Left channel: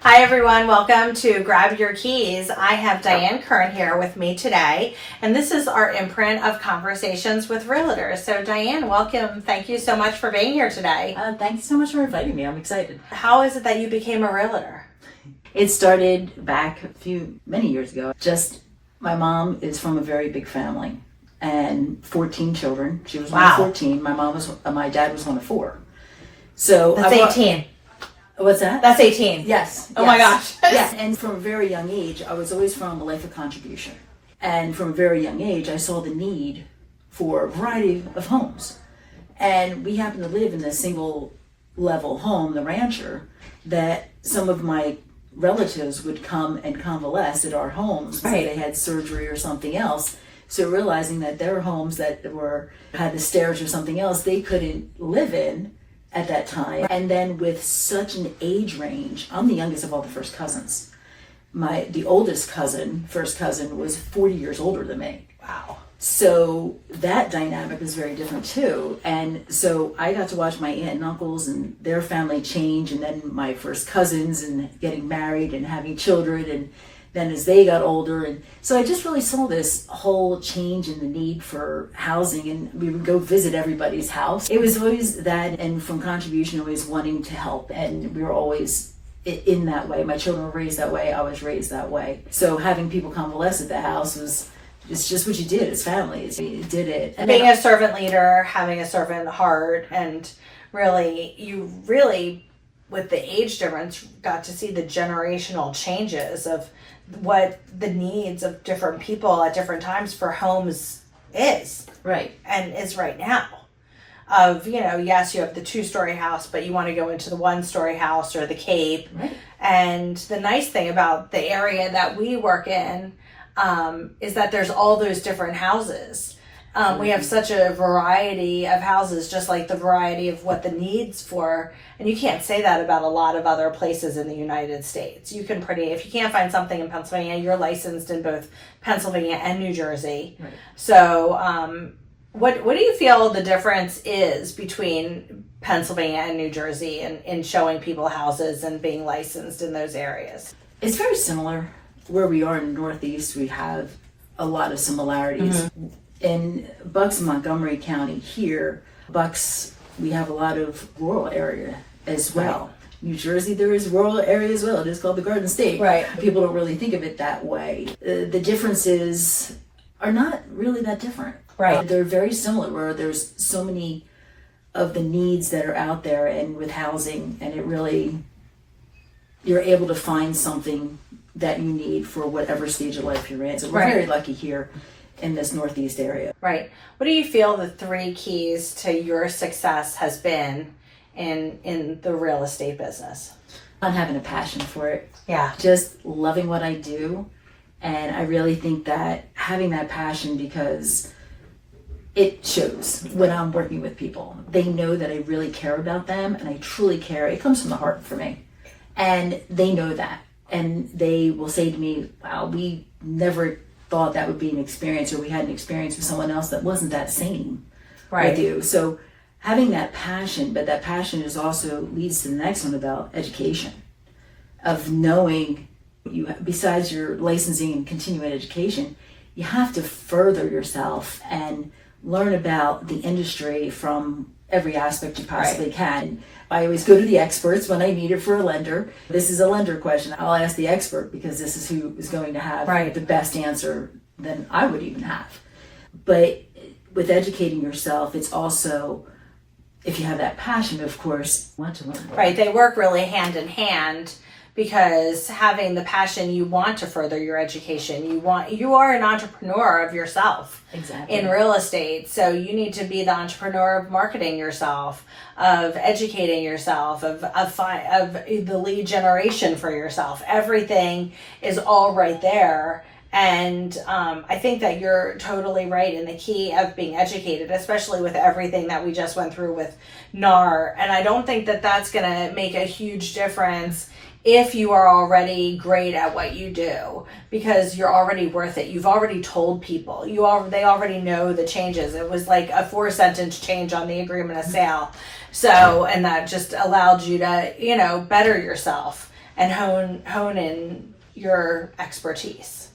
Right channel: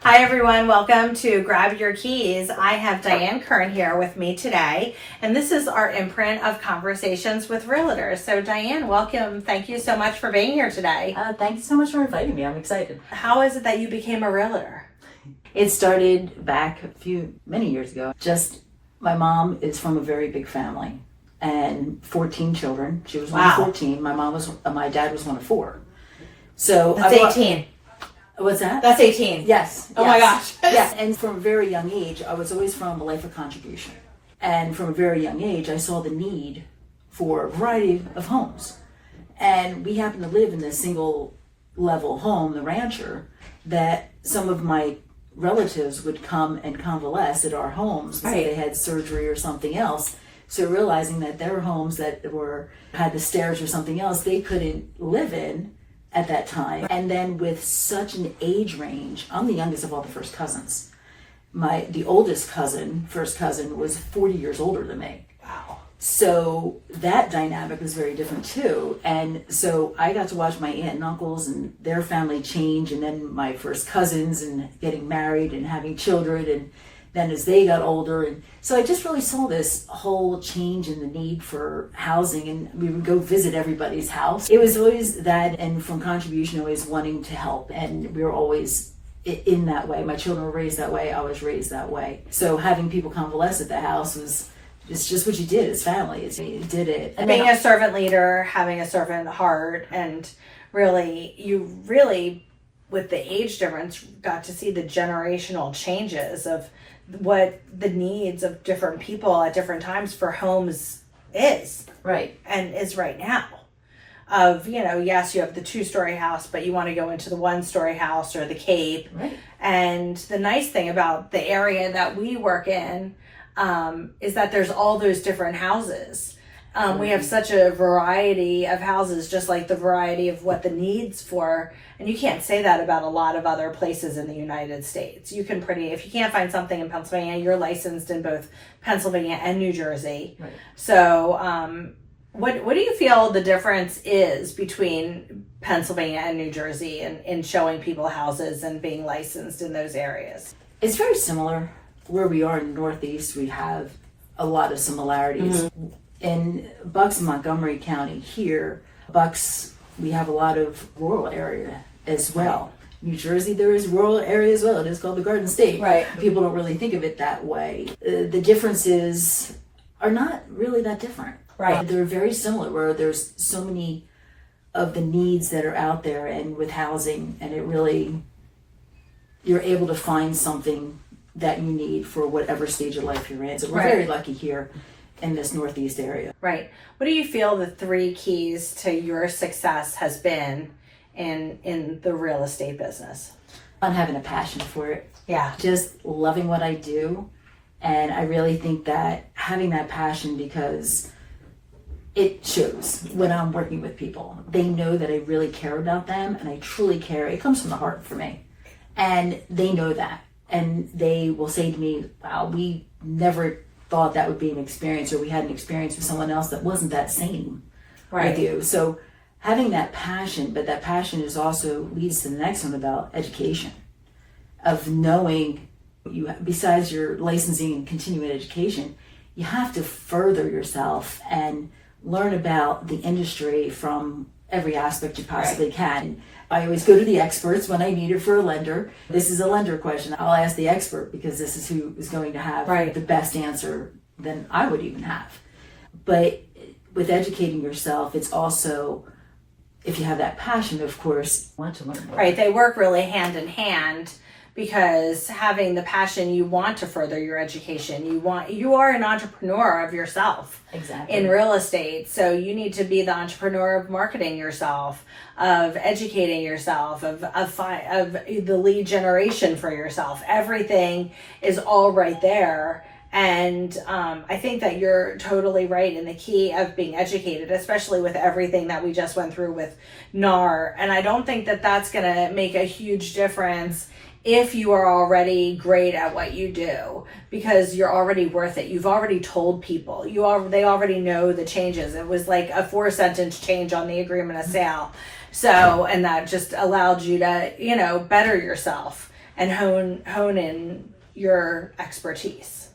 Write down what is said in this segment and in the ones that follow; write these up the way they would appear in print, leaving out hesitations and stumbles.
Hi everyone, welcome to Grab Your Keys. I have Diane Kern here with me today, and this is our imprint of conversations with realtors. So Diane, welcome. Thank you so much for being here today. Thanks so much for inviting me. I'm excited. How is it that you became a realtor? It started back many years ago. Just my mom is from a very big family and 14 children. She was one of 14. My dad was one of 4. So That's 18. What's that? That's 18. Yes. Oh my gosh. Yes. And from a very young age, I was always from a life of contribution. And from a very young age, I saw the need for a variety of homes. And we happened to live in this single level home, the rancher, that some of my relatives would come and convalesce at our homes if they had surgery or something else. So realizing that their homes that had the stairs or something else, they couldn't live in at that time. And then with such an age range, I'm the youngest of all the first cousins. The oldest first cousin was 40 years older than me. Wow. So that dynamic was very different too. And so I got to watch my aunt and uncles and their family change, and then my first cousins and getting married and having children, and then as they got older. And so I just really saw this whole change in the need for housing, and we would go visit everybody's house. It was always that, and from contribution, always wanting to help. And we were always in that way. My children were raised that way. I was raised that way. So having people convalesce at the house it's just what you did as families. You did it. And being a servant leader, having a servant heart, and you really, with the age difference, got to see the generational changes of what the needs of different people at different times for homes is. Right. And is right now. Yes, you have the 2-story house, but you want to go into the 1-story house or the Cape. Right. And the nice thing about the area that we work in is that there's all those different houses. We have such a variety of houses, just like the variety of what the needs for, and you can't say that about a lot of other places in the United States. If you can't find something in Pennsylvania, you're licensed in both Pennsylvania and New Jersey. Right. So what do you feel the difference is between Pennsylvania and New Jersey in showing people houses and being licensed in those areas? It's very similar. Where we are in the Northeast, we have a lot of similarities. Mm-hmm. In Bucks and Montgomery County here, we have a lot of rural area as well. New Jersey, there is rural area as well. It is called the Garden State. Right. People don't really think of it that way. The differences are not really that different. Right. They're very similar, where there's so many of the needs that are out there, and with housing, and you're able to find something that you need for whatever stage of life you're in. So we're very lucky here in this Northeast area. Right. What do you feel the 3 keys to your success has been in the real estate business? I'm having a passion for it. Yeah. Just loving what I do. And I really think that having that passion, because it shows when I'm working with people. They know that I really care about them, and I truly care. It comes from the heart for me. And they know that. And they will say to me, wow, we never thought that would be an experience, or we had an experience with someone else that wasn't that same with you. So having that passion, but that passion is also leads to the next one about education, of knowing besides your licensing and continuing education, you have to further yourself and learn about the industry from every aspect you possibly can. I always go to the experts when I need it for a lender. This is a lender question. I'll ask the expert, because this is who is going to have the best answer than I would even have. But with educating yourself, it's also, if you have that passion, of course, want to learn more. Right. They work really hand in hand, because having the passion, you want to further your education. You are an entrepreneur of yourself. Exactly. In real estate. So you need to be the entrepreneur of marketing yourself, of educating yourself, of the lead generation for yourself. Everything is all right there. And I think that you're totally right in the key of being educated, especially with everything that we just went through with NAR. And I don't think that that's going to make a huge difference if you are already great at what you do, because you're already worth it. You've already told people. They already know the changes. It was like a 4-sentence change on the agreement of sale. So, and that just allowed you to, better yourself. and hone in your expertise.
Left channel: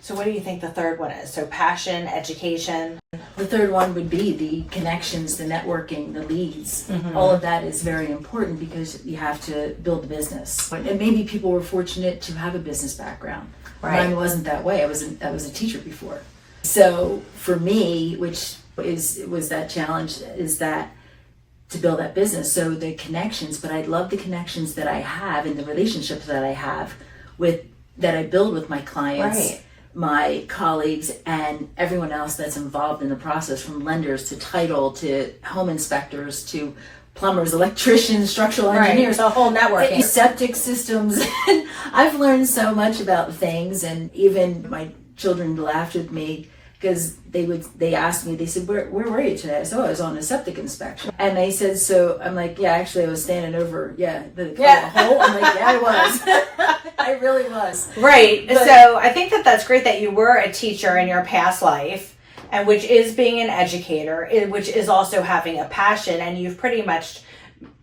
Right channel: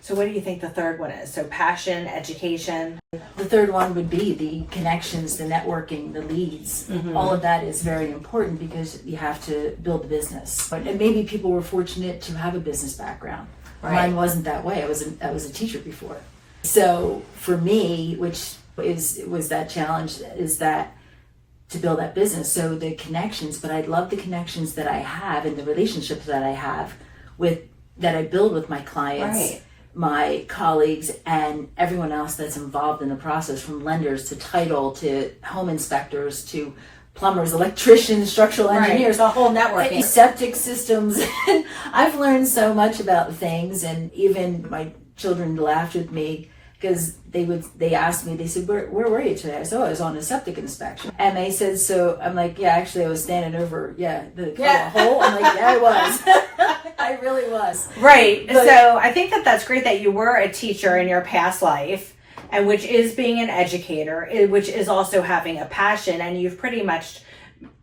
So what do you think the third one is? So passion, education. The third one would be the connections, the networking, the leads. All of that is very important because you have to build a business. And maybe people were fortunate to have a business background. Right. Mine wasn't that way. I was a teacher before. So for me, which was that challenge, is that to build that business. So the connections, but I love the connections that I have and the relationships that I have that I build with my clients. Right. My colleagues and everyone else that's involved in the process, from lenders to title to home inspectors to plumbers, electricians, structural engineers, the whole networking, septic systems. I've learned so much about things, and even my children laughed with me because they asked me, they said, where were you today? I said, I was on a septic inspection. And they said, so I'm like, yeah, actually I was standing over the hole. I'm like, yeah, I was. I really was. Right. But, so I think that's great that you were a teacher in your past life, and which is being an educator, which is also having a passion, and you've pretty much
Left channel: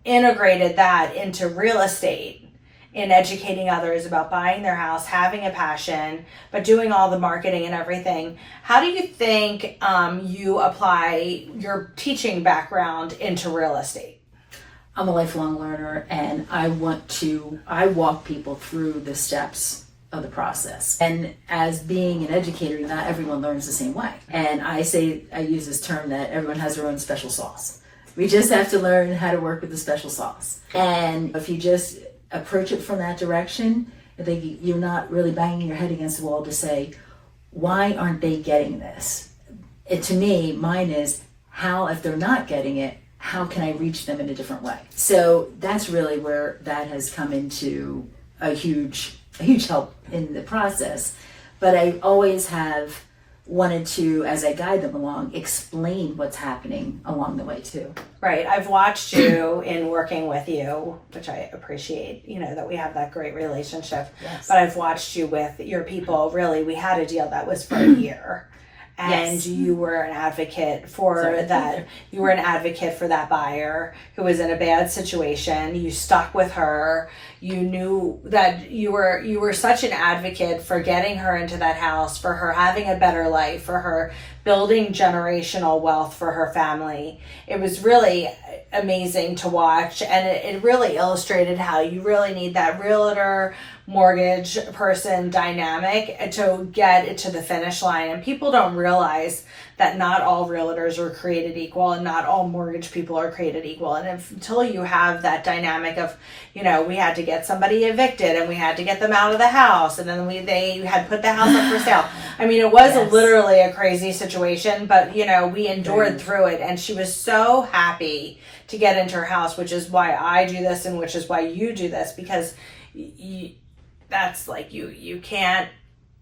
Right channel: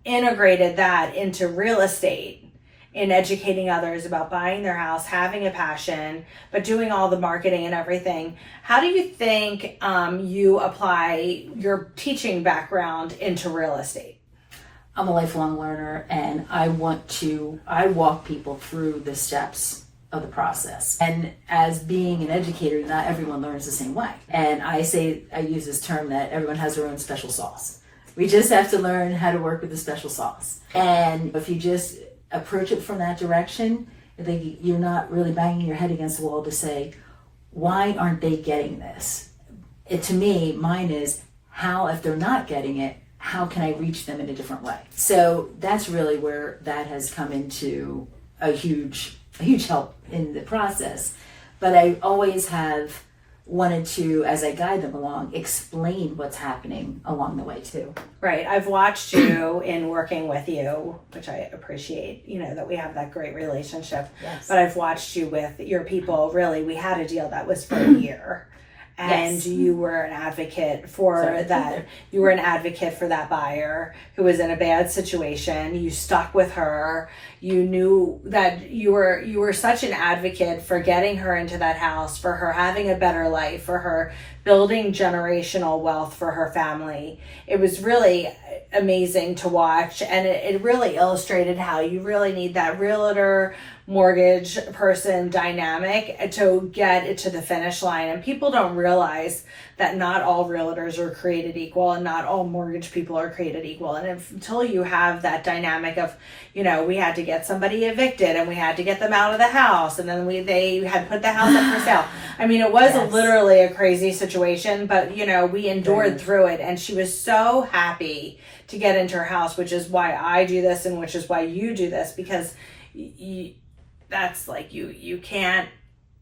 integrated that into real estate, in educating others about buying their house, having a passion, but doing all the marketing and everything. How do you think you apply your teaching background into real estate? I'm a lifelong learner, and I walk people through the steps of the process. And as being an educator, not everyone learns the same way. And I use this term that everyone has their own special sauce. We just have to learn how to work with the special sauce. And if you just approach it from that direction, I think you're not really banging your head against the wall to say, why aren't they getting this? To me, mine is, how, if they're not getting it, how can I reach them in a different way? So that's really where that has come into a huge help in the process. But I always have wanted to, as I guide them along, explain what's happening along the way too. Right. I've watched you in working with you, which I appreciate, that we have that great relationship. Yes. But I've watched you with your people. Really, we had a deal that was for a year. And Yes. you were an advocate for that. You were an advocate for that buyer who was in a bad situation. You stuck with her. You knew that you were such an advocate for getting her into that house, for her having a better life, for her building generational wealth for her family. It was really amazing to watch, and it really illustrated how you really need that realtor mortgage person dynamic to get it to the finish line. And people don't realize that not all realtors are created equal, and not all mortgage people are created equal. And until you have that dynamic of, we had to get somebody evicted, and we had to get them out of the house, and then they had put the house up for sale. I mean, it was Yes. literally a crazy situation, but we endured through it. And she was so happy to get into her house, which is why I do this, and which is why you do this, because that's like you can't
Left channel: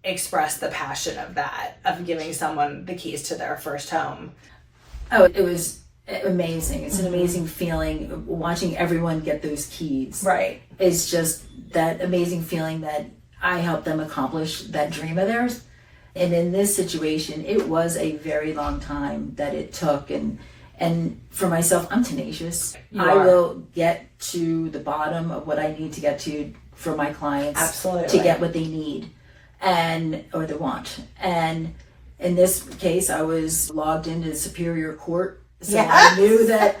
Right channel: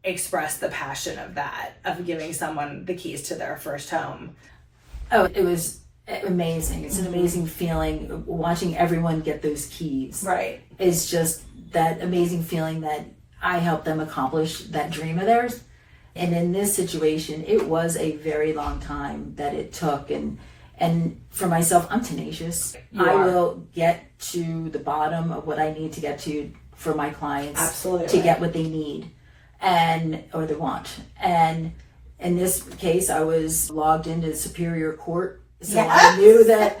express the passion of that, of giving someone the keys to their first home. Oh, it was amazing. It's an amazing feeling watching everyone get those keys. Right. It's just that amazing feeling that I helped them accomplish that dream of theirs. And in this situation, it was a very long time that it took. And for myself, I'm tenacious. I will get to the bottom of what I need to get to for my clients. Absolutely. To get what they need or they want. And in this case, I was logged into Superior Court. So Yes.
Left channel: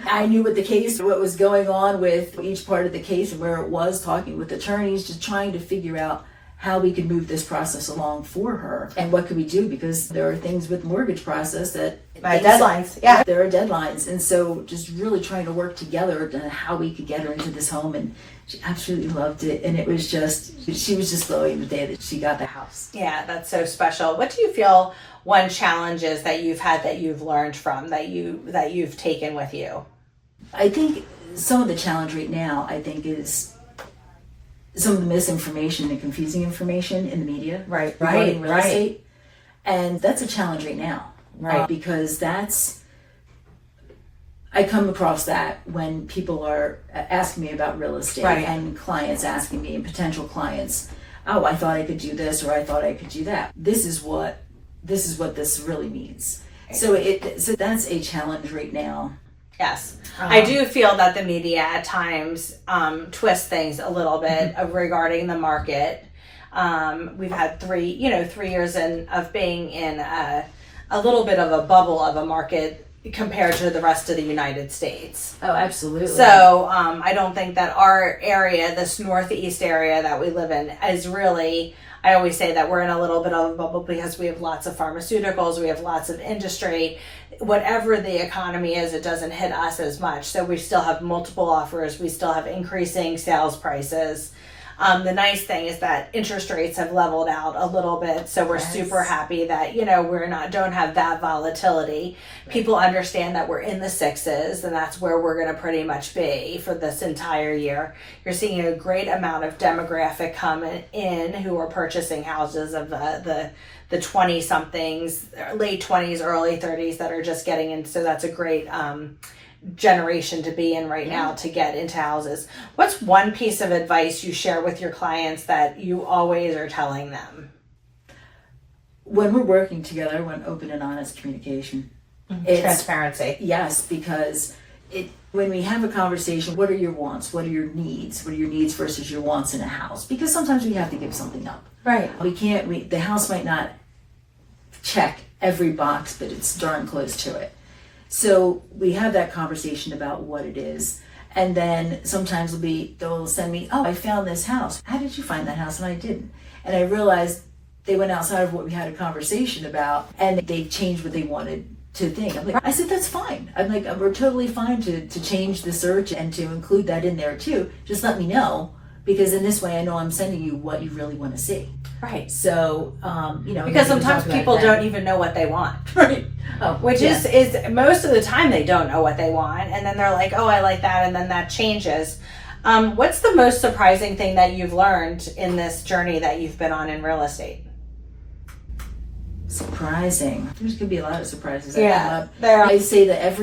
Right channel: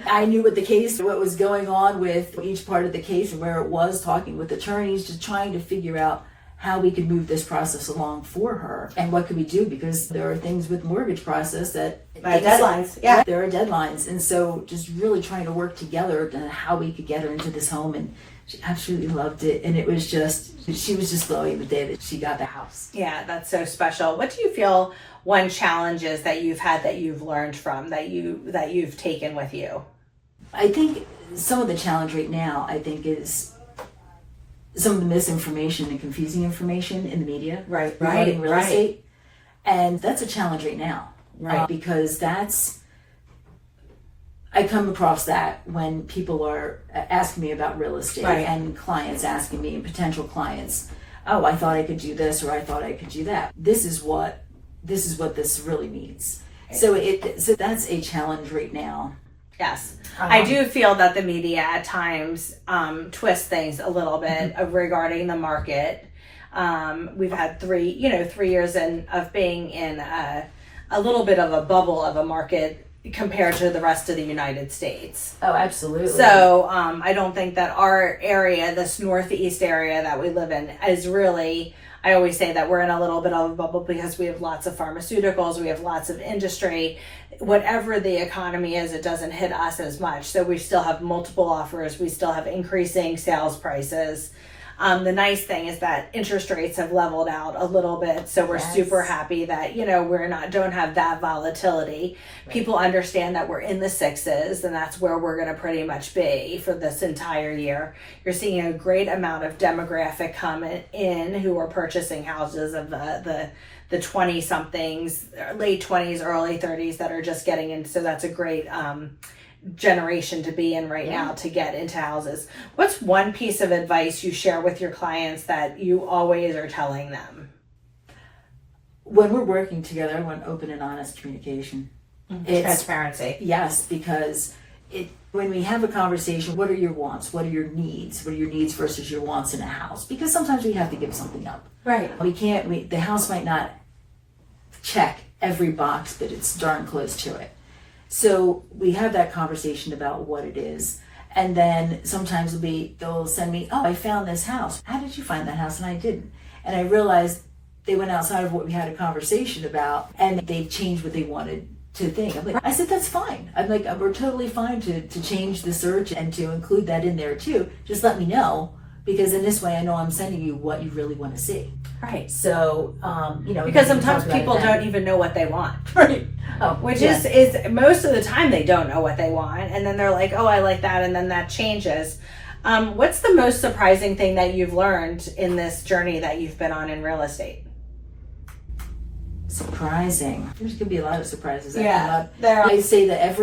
I knew what was going on with each part of the case and where it was, talking with attorneys, just trying to figure out how we could move this process along for her and what could we do, because there are things with mortgage process that deadlines. Yeah. There are deadlines. And so just really trying to work together to how we could get her into this home. And she absolutely loved it. And she was just glowing the day that she got the house. Yeah, that's so special. What do you feel one challenge is that you've had, that you've learned from, that you've taken with you? I think some of the challenge right now, is some of the misinformation and confusing information in the media regarding real estate. And that's a challenge right now. Right. Because I come across that when people are asking me about real estate, and clients asking me, and potential clients, oh, I thought I could do this, or I thought I could do that. This is what this really means. So that's a challenge right now. Yes. I do feel that the media at times twists things a little bit regarding the market. We've had 3 years of being in a little bit of a bubble of a market compared to the rest of the United States. Oh, absolutely. So I don't think that our area, this Northeast area that we live in, is really, I always say that we're in a little bit of a bubble because we have lots of pharmaceuticals, we have lots of industry. Whatever the economy is, it doesn't hit us as much. So we still have multiple offers, we still have increasing sales prices. The nice thing is that interest rates have leveled out a little bit, so we're super happy that don't have that volatility. Right. People understand that we're in the 6s, and that's where we're going to pretty much be for this entire year. You're seeing a great amount of demographic coming in who are purchasing houses of the 20 somethings, late 20s, early 30s that are just getting in. So that's a great generation to be in right now to get into houses. What's one piece of advice you share with your clients that you always are telling them? When we're working together, I want open and honest communication. It's transparency. Yes, because when we have a conversation, what are your wants? What are your needs? What are your needs versus your wants in a house? Because sometimes we have to give something up. Right. The house might not check every box, but it's darn close to it. So we have that conversation about what it is. And then sometimes they'll send me, oh, I found this house. How did you find that house? And I didn't. And I realized they went outside of what we had a conversation about, and they changed what they wanted to think. I said, that's fine. I'm like, we're totally fine to change the search and to include that in there too. Just let me know, because in this way I know I'm sending you what you really want to see. Right. So, because sometimes people don't even know what they want. Right. Which is most of the time they don't know what they want, and then they're like, oh, I like that, and then that changes. What's the most surprising thing that you've learned in this journey that you've been on in real estate? Surprising. There's gonna be a lot of surprises that come up. There. I say that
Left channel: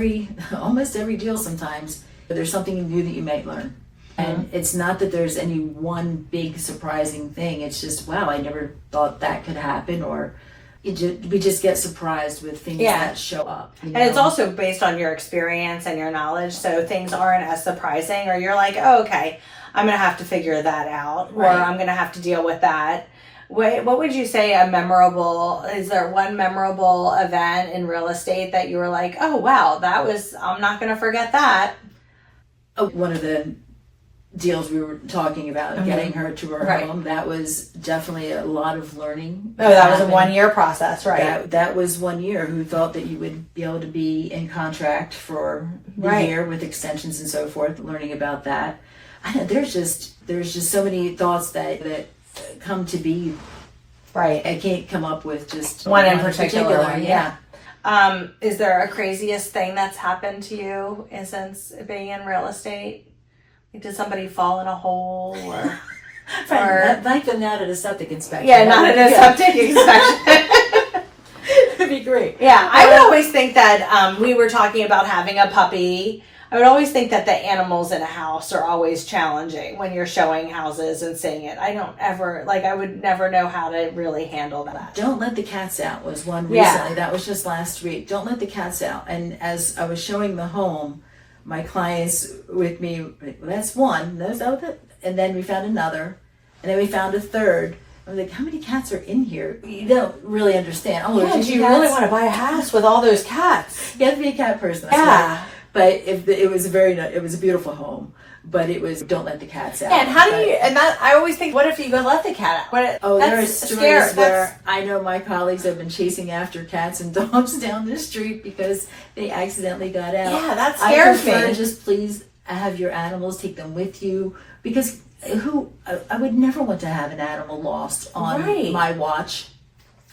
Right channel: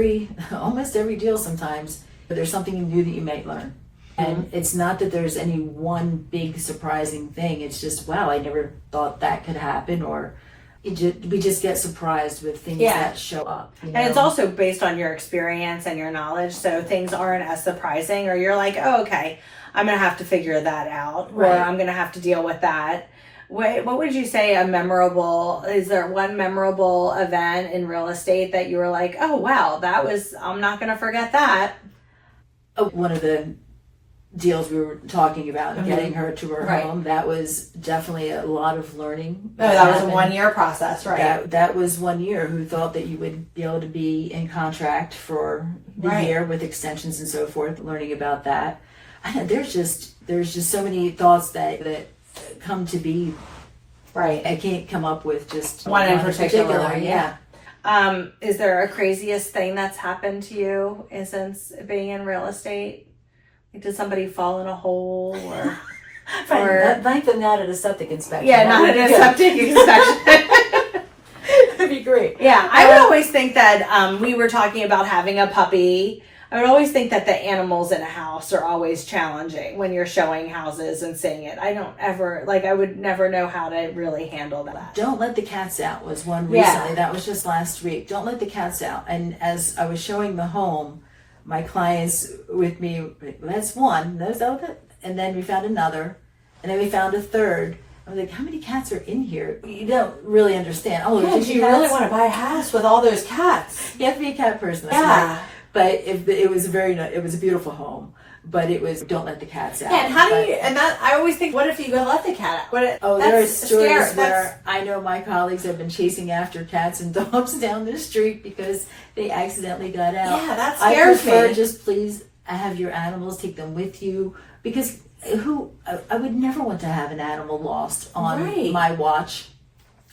almost every deal sometimes, there's something new that you might learn. And it's not that there's any one big surprising thing. It's just, wow, I never thought that could happen, or we just get surprised with things that show up. And it's also based on your experience and your knowledge, so things aren't as surprising, or you're like, oh, okay, I'm going to have to figure that out, or I'm going to have to deal with that. What would you say is there one memorable event in real estate that you were like, oh, wow, I'm not going to forget that? One of the deals we were talking about, getting her to her home, that was definitely a lot of learning. Oh, that was a 1-year process, right? That was 1 year. Who thought that you would be able to be in contract for the year with extensions and so forth, learning about that. There's just so many thoughts that come to be. Right. I can't come up with just one in particular. Yeah. Is there a craziest thing that's happened to you since being in real estate? Did somebody fall in a hole, or thankfully not at a septic inspection? Yeah, not at a septic inspection. It'd be great. Yeah, I would always think that we were talking about having a puppy. I would always think that the animals in a house are always challenging when you're showing houses and seeing it. I would never know how to really handle that. Don't let the cats out was one recently. That was just last week. Don't let the cats out. And as I was showing the home, my clients with me, that's one, and then we found another, and then we found a third. I was like, how many cats are in here? You don't really understand. Oh, do you really want to buy a house with all those cats? You have to be a cat person. Yeah. But it was a beautiful home. But it was, don't let the cats out. Yeah, and I always think, what if you go let the cat out? There are stories where I know my colleagues have been chasing after cats and dogs down the street because they accidentally got out. Yeah, that scares me. I prefer just please have your animals, take them with you, because I would never want to have an animal lost on my watch.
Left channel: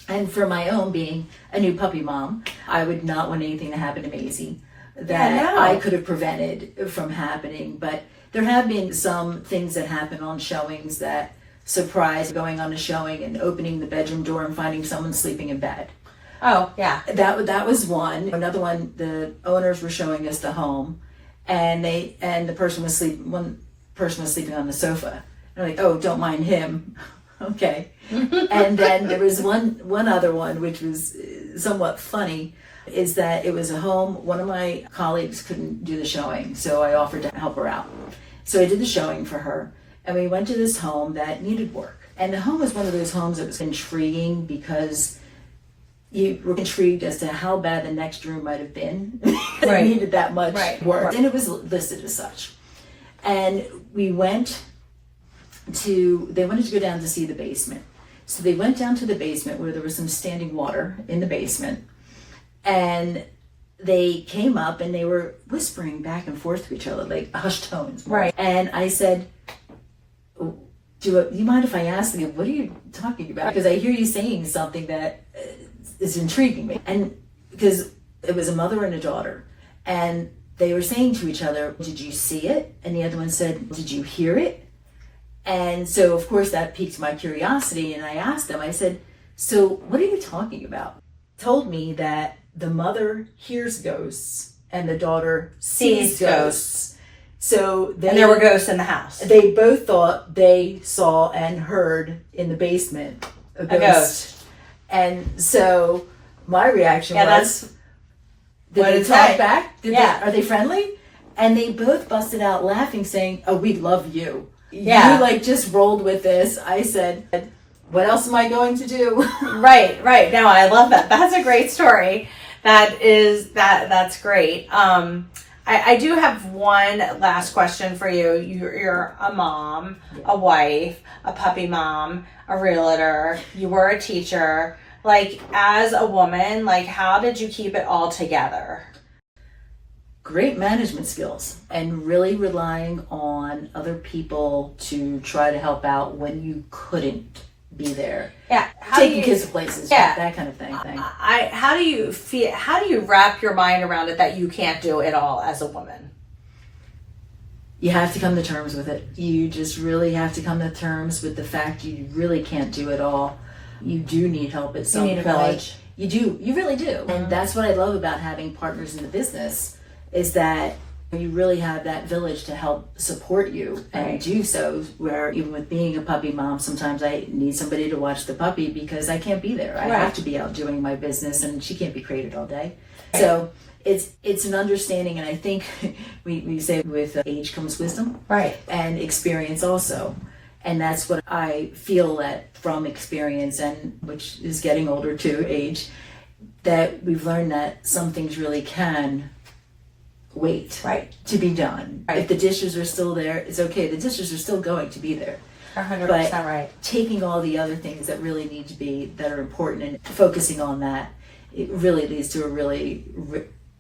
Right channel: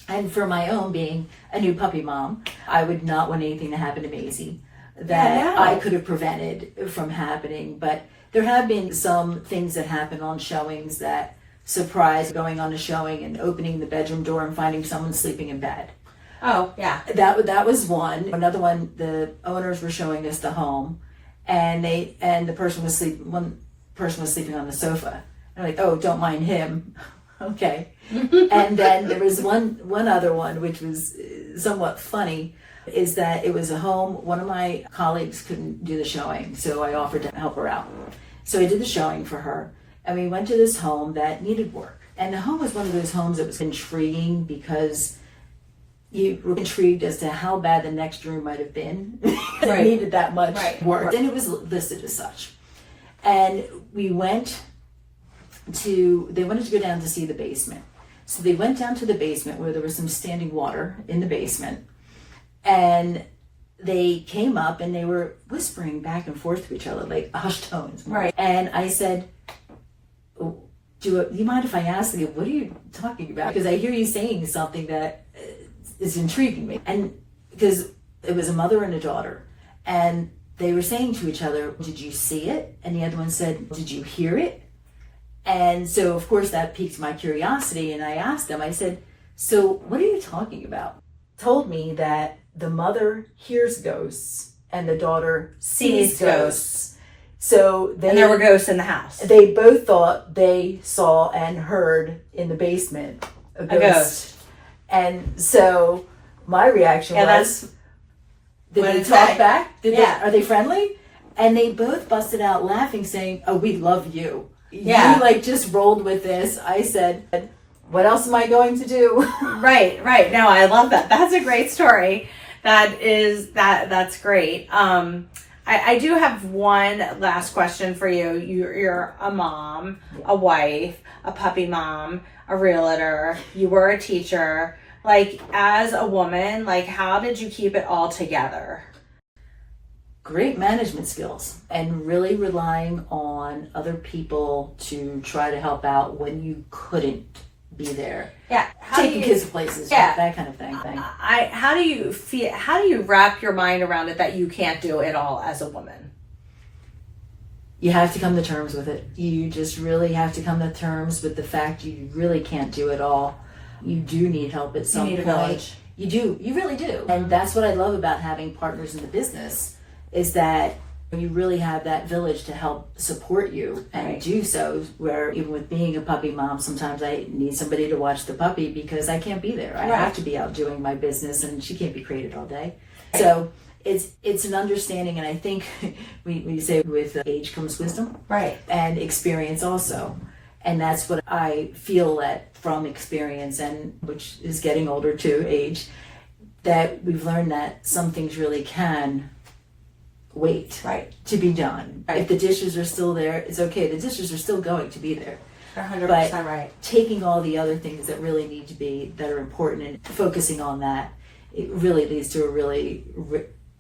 And for my own, being a new puppy mom, I would not want anything to happen to Maisie that I could have prevented from happening. But there have been some things that happen on showings that surprise, going on a showing and opening the bedroom door and finding someone sleeping in bed. Oh, yeah. That was one. Another one, the owners were showing us the home, and one person was sleeping on the sofa. And I'm like, oh, don't mind him. Okay. And then there was one other one which was somewhat funny. is that it was a home. One of my colleagues couldn't do the showing, so I offered to help her out. So I did the showing for her, and we went to this home that needed work. And the home was one of those homes that was intriguing because you were intrigued as to how bad the next room might have been. It needed that much work. And it was listed as such. And they wanted to go down to see the basement. So they went down to the basement where there was some standing water in the basement. And they came up and they were whispering back and forth to each other, like hushed tones. Right. And I said, do you mind if I ask you, what are you talking about? Because I hear you saying something that is intriguing me. And because it was a mother and a daughter. And they were saying to each other, did you see it? And the other one said, did you hear it? And so, of course, that piqued my curiosity. And I asked them, I said, so what are you talking about? Told me that the mother hears ghosts and the daughter sees ghosts. So and there were ghosts in the house. They both thought they saw and heard in the basement a ghost. And so my reaction was, did they talk back? Are they friendly? And they both busted out laughing, saying, oh, we love you. You just rolled with this. I said, what else am I going to do? Right. No, I love that. That's a great story. That's great. I do have one last question for you. You're a mom, a wife, a puppy mom, a realtor. You were a teacher. Like, as a woman, like, how did you keep it all together? Great management skills and really relying on other people to try to help out when you couldn't be there. Yeah. Taking kids to places, that kind of thing. How do you wrap your mind around it that you can't do it all as a woman? You have to come to terms with it. You just really have to come to terms with the fact you really can't do it all. You do need help at some point. You need a village. You do. You really do. And that's what I love about having partners in the business, is that you really have that village to help support you and do so, where even with being a puppy mom, sometimes I need somebody to watch the puppy because I can't be there. I have to be out doing my business and she can't be crated all day. So it's an understanding, and I think we say with age comes wisdom, and experience also. And that's what I feel that from experience, and which is getting older too, age, that we've learned that some things really can wait to be done. If the dishes are still there, it's okay. The dishes are still going to be there. 100% but taking all the other things that really need to be, that are important, and focusing on that, it really leads to a really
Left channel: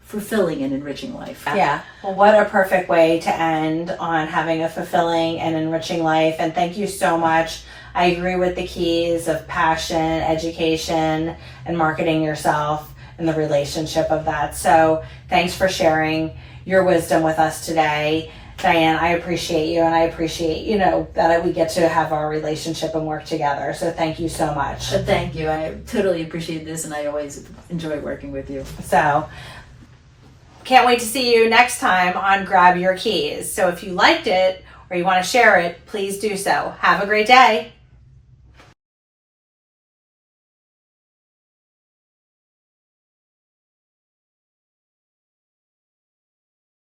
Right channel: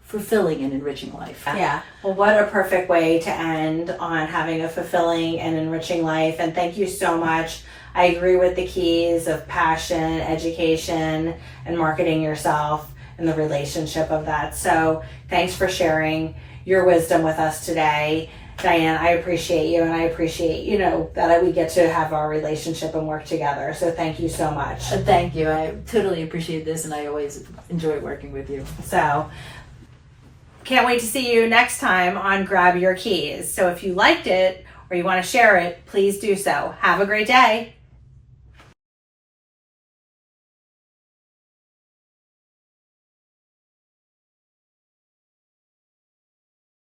fulfilling and enriching life. Yeah. Well, what a perfect way to end on having a fulfilling and enriching life. And thank you so much. I agree with the keys of passion, education, and marketing yourself, and the relationship of that. So thanks for sharing your wisdom with us today. Diane, I appreciate you, and I appreciate, that we get to have our relationship and work together. So thank you so much. Thank you. I totally appreciate this, and I always enjoy working with you. So can't wait to see you next time on Grab Your Keys. So if you liked it or you want to share it, please do so. Have a great day.